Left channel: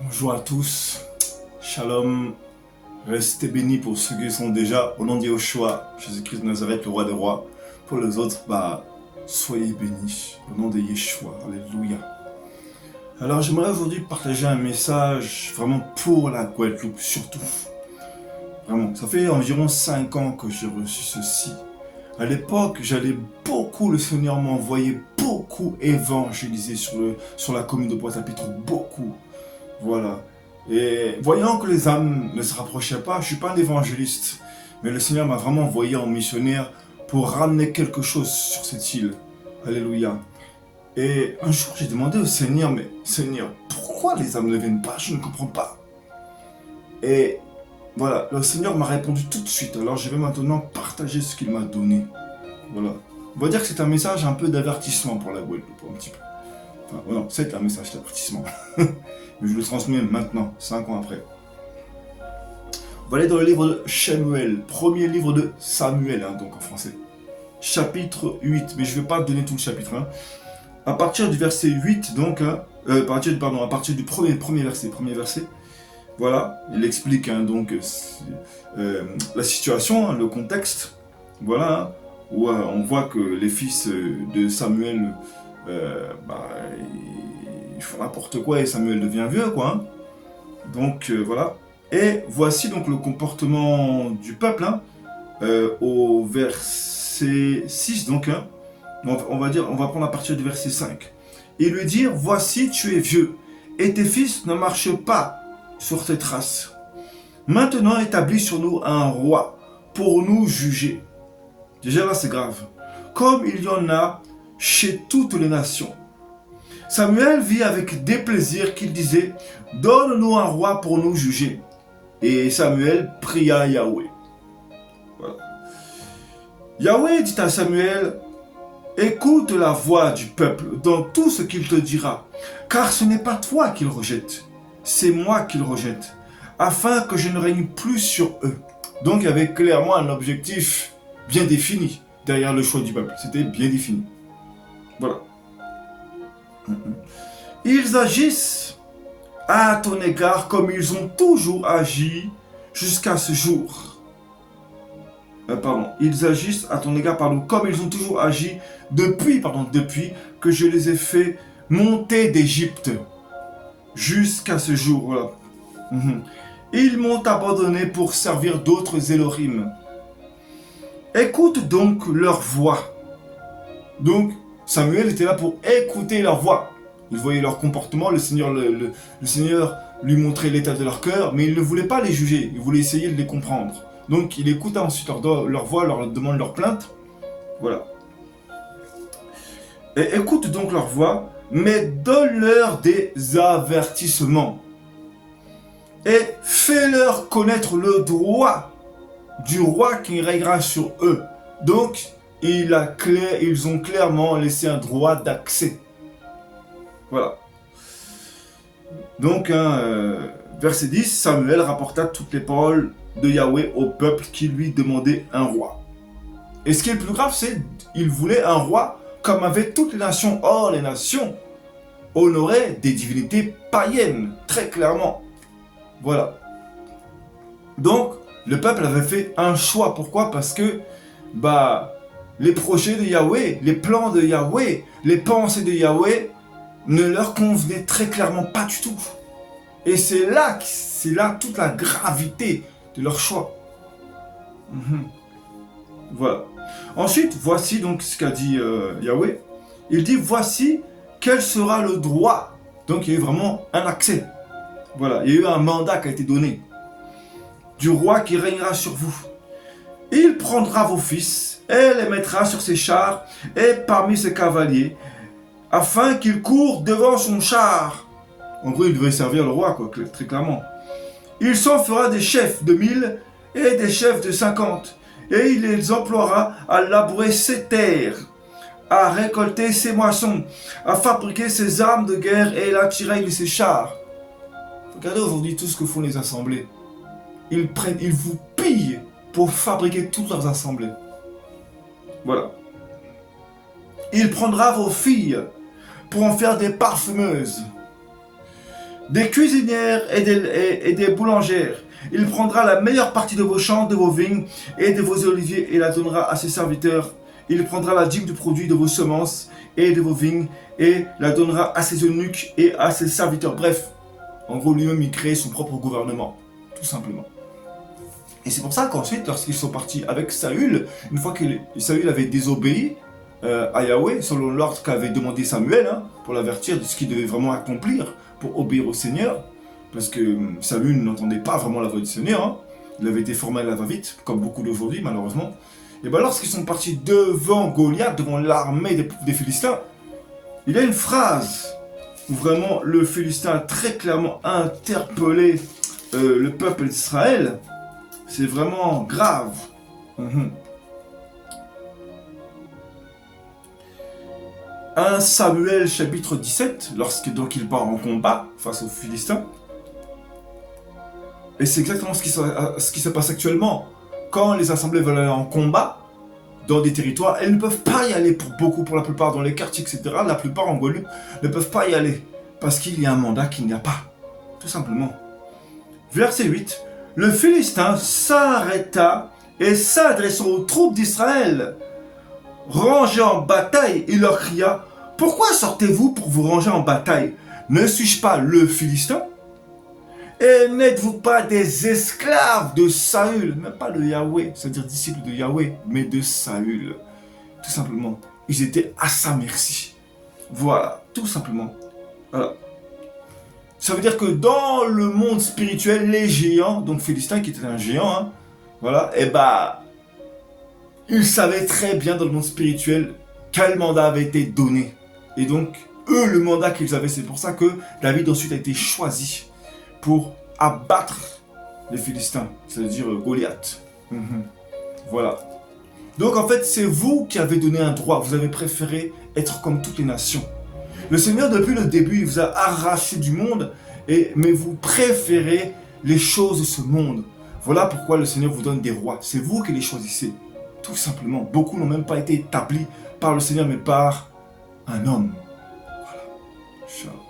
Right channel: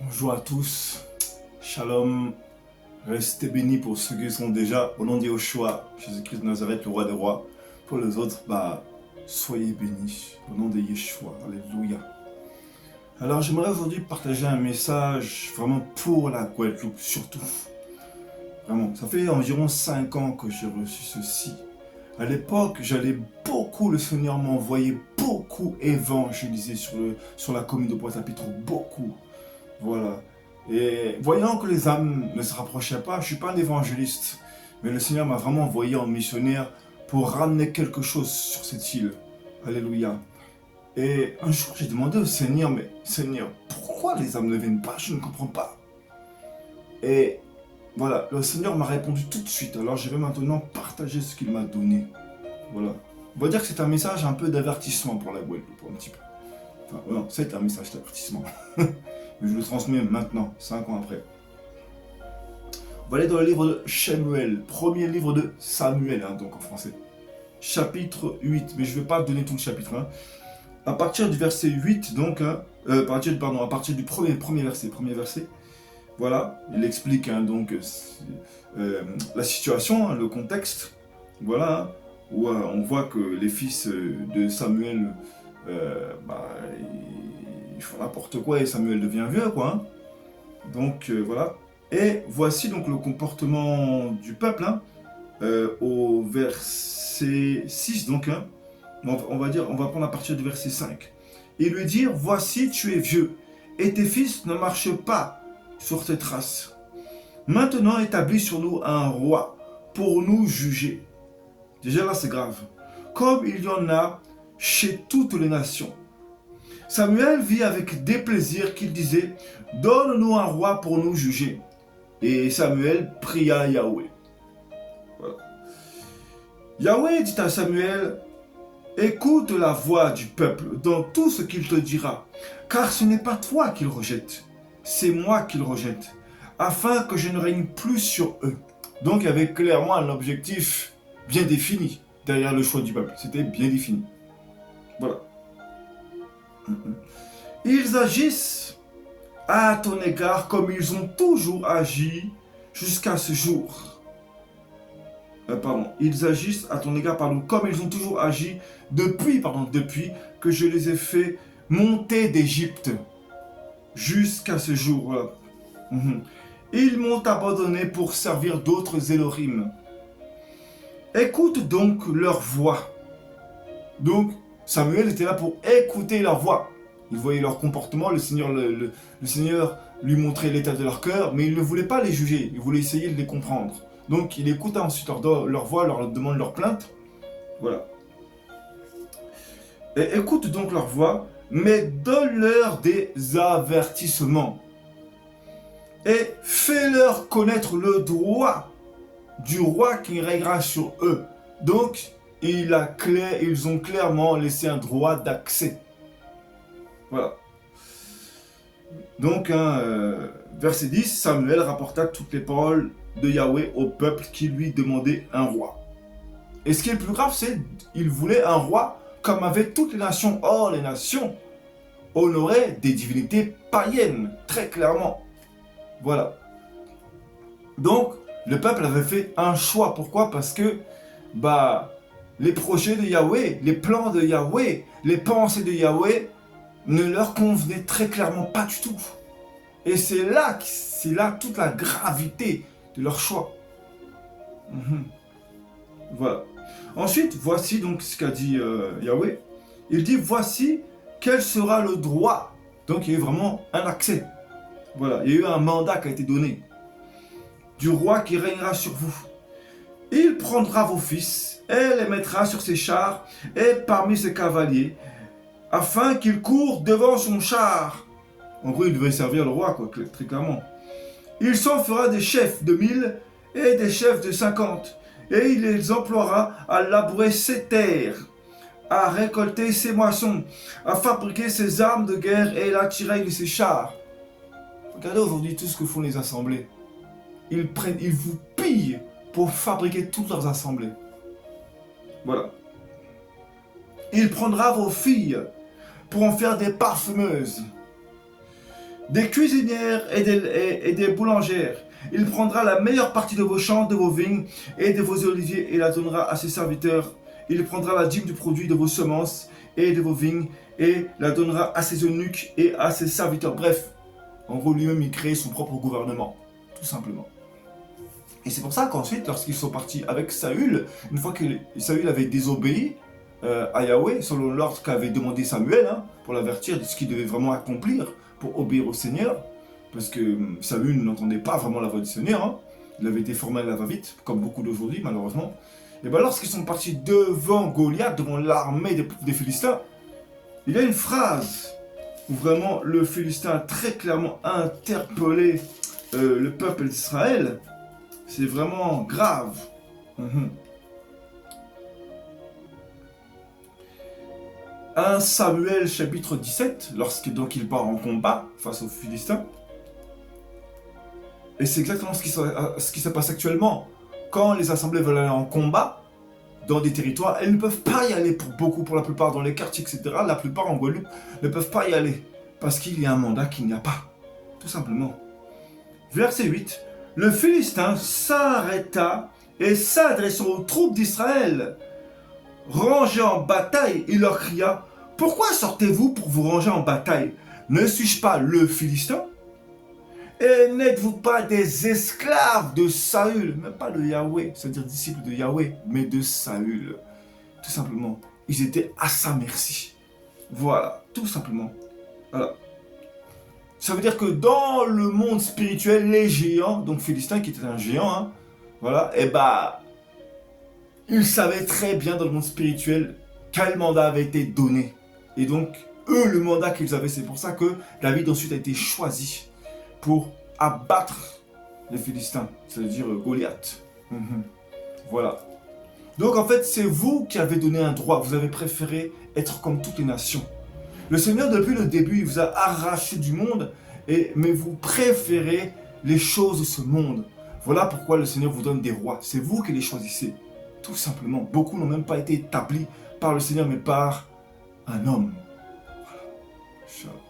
Bonjour à tous, Shalom, restez bénis pour ceux qui sont déjà au nom de Yahushua, Jésus-Christ de Nazareth, le roi des rois. Pour les autres, soyez bénis au nom de Yeshua, alléluia. Alors j'aimerais aujourd'hui partager un message vraiment pour la Guadeloupe, surtout. Vraiment, ça fait environ 5 ans que j'ai reçu ceci. À l'époque, j'allais beaucoup, le Seigneur m'envoyait beaucoup évangéliser sur la commune de Pointe-à-Pitre, beaucoup. Voilà. Et voyant que les âmes ne se rapprochaient pas, je ne suis pas un évangéliste, mais le Seigneur m'a vraiment envoyé en missionnaire pour ramener quelque chose sur cette île. Alléluia. Et un jour, j'ai demandé au Seigneur, mais Seigneur, pourquoi les âmes ne viennent pas? Je ne comprends pas. Et voilà, le Seigneur m'a répondu tout de suite. Alors je vais maintenant partager ce qu'il m'a donné. Voilà. On va dire que c'est un message un peu d'avertissement pour la Guadeloupe, un petit peu. Enfin, non, c'est un message d'avertissement. Mais je le transmets maintenant, 5 ans après. On va aller dans le livre de Shemuel, premier livre de Samuel, donc en français. Chapitre 8, mais je ne vais pas donner tout le chapitre. À partir du verset 8, donc, à partir du premier verset, voilà, il explique donc la situation, le contexte, voilà, où on voit que les fils de Samuel, ils font n'importe quoi et Samuel devient vieux, quoi. Donc voilà. Et voici donc le comportement du peuple au verset 6, donc on va prendre à partir du verset 5. Et lui dire, voici tu es vieux, et tes fils ne marchent pas sur tes traces. Maintenant établis sur nous un roi pour nous juger. Déjà là c'est grave. Comme il y en a chez toutes les nations. Samuel vit avec déplaisir qu'il disait, donne-nous un roi pour nous juger. Et Samuel pria Yahweh. Voilà. Yahweh dit à Samuel, écoute la voix du peuple dans tout ce qu'il te dira, car ce n'est pas toi qu'il rejette, c'est moi qu'il rejette, afin que je ne règne plus sur eux. Donc il y avait clairement un objectif bien défini derrière le choix du peuple, c'était bien défini. Voilà. Ils agissent à ton égard comme ils ont toujours agi jusqu'à ce jour. Ils agissent à ton égard, comme ils ont toujours agi depuis que je les ai fait monter d'Égypte jusqu'à ce jour. Voilà. Ils m'ont abandonné pour servir d'autres Élohim. Écoute donc leur voix. Donc, Samuel était là pour écouter leur voix. Il voyait leur comportement, le Seigneur lui montrait l'état de leur cœur, mais il ne voulait pas les juger, il voulait essayer de les comprendre. Donc il écouta ensuite leur voix, leur demande leur plainte. Voilà. Et écoute donc leur voix, mais donne-leur des avertissements. Et fais-leur connaître le droit du roi qui régnera sur eux. Donc, ils ont clairement laissé un droit d'accès. Voilà. Donc, verset 10, Samuel rapporta toutes les paroles de Yahweh au peuple qui lui demandait un roi. Et ce qui est le plus grave, c'est qu'il voulait un roi comme avaient toutes les nations. Or, les nations honoraient des divinités païennes, très clairement. Voilà. Donc, le peuple avait fait un choix. Pourquoi? Parce que, les projets de Yahweh, les plans de Yahweh, les pensées de Yahweh ne leur convenaient très clairement pas du tout. Et c'est là toute la gravité de leur choix. Voilà. Ensuite, voici donc ce qu'a dit Yahweh. Il dit, voici quel sera le droit. Donc il y a eu vraiment un accès. Voilà, il y a eu un mandat qui a été donné. Du roi qui régnera sur vous. Il prendra vos fils et les mettra sur ses chars et parmi ses cavaliers, afin qu'ils courent devant son char. En gros, il devait servir le roi, quoi, très clairement. Il s'en fera des chefs de 1000 et des chefs de 50, et il les emploiera à labourer ses terres, à récolter ses moissons, à fabriquer ses armes de guerre et à tirer ses chars. Regardez aujourd'hui tout ce que font les assemblées. Ils vous pillent pour fabriquer toutes leurs assemblées. Voilà. Il prendra vos filles pour en faire des parfumeuses. des cuisinières et des boulangères. Il prendra la meilleure partie de vos champs, de vos vignes et de vos oliviers et la donnera à ses serviteurs. Il prendra la dîme du produit de vos semences et de vos vignes et la donnera à ses eunuques et à ses serviteurs. Bref, en gros, lui-même, il crée son propre gouvernement, tout simplement. Et c'est pour ça qu'ensuite, lorsqu'ils sont partis avec Saül, une fois que Saül avait désobéi à Yahweh, selon l'ordre qu'avait demandé Samuel, hein, pour l'avertir de ce qu'il devait vraiment accomplir pour obéir au Seigneur, parce que Saül n'entendait pas vraiment la voix du Seigneur, hein. Il avait été formé à la va-vite, comme beaucoup d'aujourd'hui, malheureusement. Et bien lorsqu'ils sont partis devant Goliath, devant l'armée des Philistins, il y a une phrase où vraiment le Philistin a très clairement interpellé le peuple d'Israël. C'est vraiment grave. 1 Samuel chapitre 17, lorsque donc il part en combat face aux Philistins. Et c'est exactement ce qui se passe actuellement. Quand les assemblées veulent aller en combat dans des territoires, elles ne peuvent pas y aller pour la plupart dans les quartiers, etc. La plupart en Guadeloupe ne peuvent pas y aller parce qu'il y a un mandat qu'il n'y a pas. Tout simplement. Verset 8. Le Philistin s'arrêta et s'adressant aux troupes d'Israël. Rangés en bataille, il leur cria: pourquoi sortez-vous pour vous ranger en bataille? Ne suis-je pas le Philistin? Et n'êtes-vous pas des esclaves de Saül? Même pas de Yahweh, c'est-à-dire disciples de Yahweh, mais de Saül. Tout simplement, ils étaient à sa merci. Voilà, tout simplement. Voilà. Ça veut dire que dans le monde spirituel, les géants, donc Philistin qui était un géant, hein, voilà, et bah, ils savaient très bien dans le monde spirituel quel mandat avait été donné. Et donc, eux, le mandat qu'ils avaient, c'est pour ça que David ensuite a été choisi pour abattre les Philistins, c'est-à-dire Goliath. Voilà. Donc en fait, c'est vous qui avez donné un droit, vous avez préféré être comme toutes les nations. Le Seigneur, depuis le début, il vous a arraché du monde, mais vous préférez les choses de ce monde. Voilà pourquoi le Seigneur vous donne des rois. C'est vous qui les choisissez. Tout simplement. Beaucoup n'ont même pas été établis par le Seigneur, mais par un homme. Voilà. Ciao.